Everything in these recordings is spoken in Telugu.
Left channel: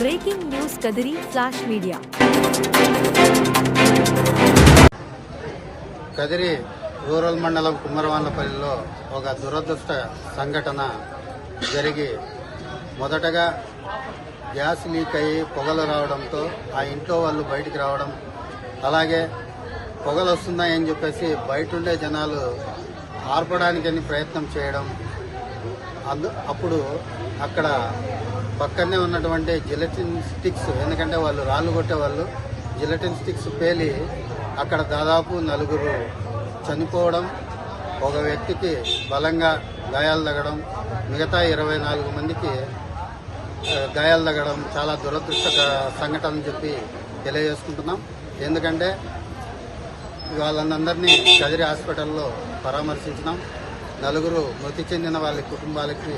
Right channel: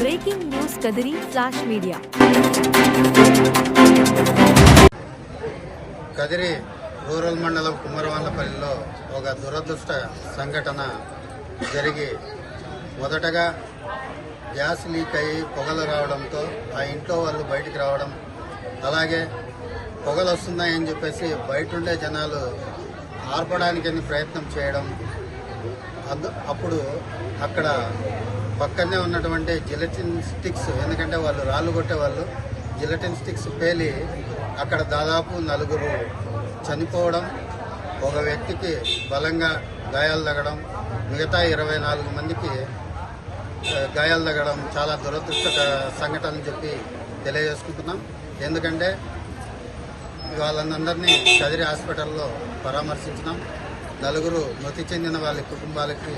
Breaking news Kadiri flash media. Kadiri rural మండలం కుమ్మరవాండపల్లిలో ఒక దురదృష్ట సంఘటన జరిగి మొదటగా గ్యాస్ లీక్ అయ్యి పొగలు రావడంతో ఆ ఇంట్లో వాళ్ళు బయటికి రావడం, అలాగే పొగలు వస్తున్నాయని చెప్పేసి బయట ఉండే జనాలు ఆర్పడానికని ప్రయత్నం చేయడం. అప్పుడు అక్కడ పక్కనే ఉన్నటువంటి జిలటిన్ స్టిక్స్, ఎందుకంటే వాళ్ళు రాళ్ళు కొట్టేవాళ్ళు, జిలటిన్ స్టిక్స్ పేలి అక్కడ దాదాపు 4 చనిపోవడం, ఒక వ్యక్తికి బలంగా గాయాలు తగ్గడం, మిగతా 24 మందికి గాయాలు తగ్గడం చాలా దురదృష్ట సంఘటన అని చెప్పి తెలియజేసుకుంటున్నాం. ఎందుకంటే వాళ్ళందరినీ కదిరి హాస్పిటల్లో పరామర్శించినాం. 4 మృతి చెందిన వాళ్ళ కుటుంబాలకి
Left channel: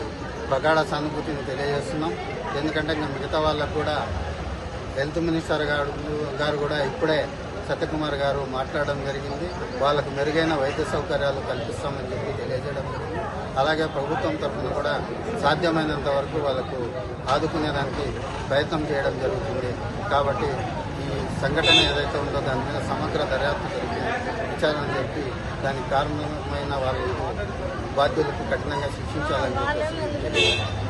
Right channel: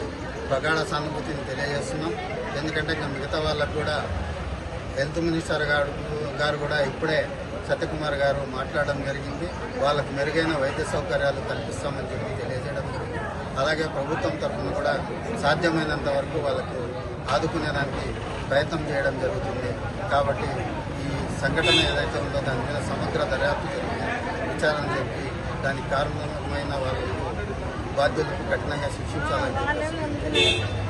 ప్రగాఢ సానుభూతిని తెలియజేస్తున్నాం. ఎందుకంటే మిగతా వాళ్ళకు కూడా హెల్త్ మినిస్టర్ గారు కూడా ఇప్పుడే సత్యకుమార్ గారు మాట్లాడడం జరిగింది. వాళ్ళకు మెరుగైన వైద్య సౌకర్యాలు కల్పిస్తామని చెప్పి తెలియజేయడం జరిగింది. అలాగే ప్రభుత్వం తరఫున కూడా సాధ్యమైనంత వరకు వాళ్ళకు ఆదుకునేదానికి ప్రయత్నం చేయడం జరుగుతుంది. కాబట్టి ఈ సంఘటన ఏదైతే ఉందో దాని మీద సమగ్ర దర్యాప్తు జరిగి విచారణ జరిపి దానికి కారణమైన వాళ్ళకు బాధ్యులకు కఠినంగా శిక్షించాలని చెప్పేసి